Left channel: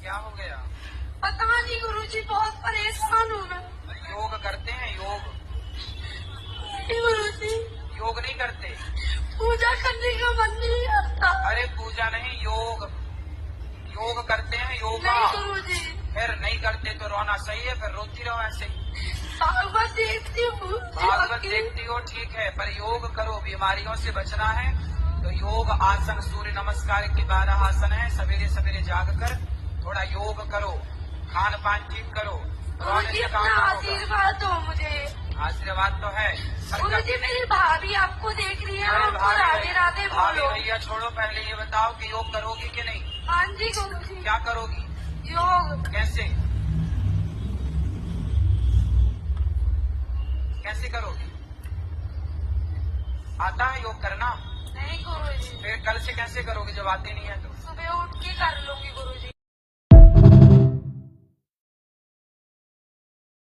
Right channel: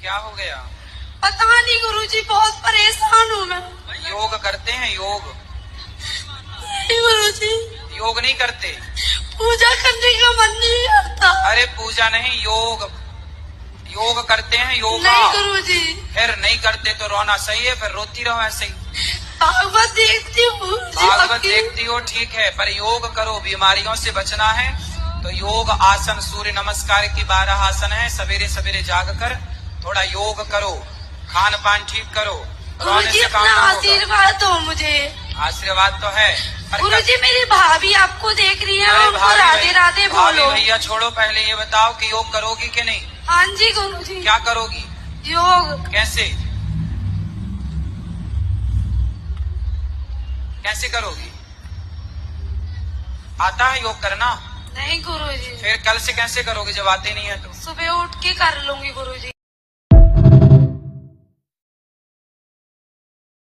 क्या हो गया? पता नहीं गुरुजी, बहुत परेशान हूँ मैं। योग करते हैं? योग नहीं गुरुजी, योग नहीं करते? पूजा करने का मन नहीं करता। अरे पूजा नहीं, योग योग करते हैं। योग नहीं गुरुजी। फिर नहीं करते तो रोना सही है, फिर रोती रहो ऐसे ही। भागवत देखती हूँ। भागवत देखती हो, ठीक है, पर योग करो। बीमारियों से बचना है तो योग आसन, सूर्य नमस्कार की 12 आसन है। सवेरे सवेरे जाग कर थोड़ा योग करो, खान पान ठीक करो। गुरुजी अपना आशीर्वाद दो मुझे। आशीर्वाद तो है पर गुरुजी मेरी भाभी आपको देख रही है, उनको राधे राधे बोलो। भैया छोड़ो, पहले ये बताओ कि योग करोगी कि नहीं? हाँ जी गुरुजी। क्या करोगी? योग। कैसे कैसे करोगी? आता है योग करना? नहीं गुरुजी। फिर कल से कैसे करोगे जब आते नहीं है तो? सुबह उठ के कर लूंगी गुरुजी।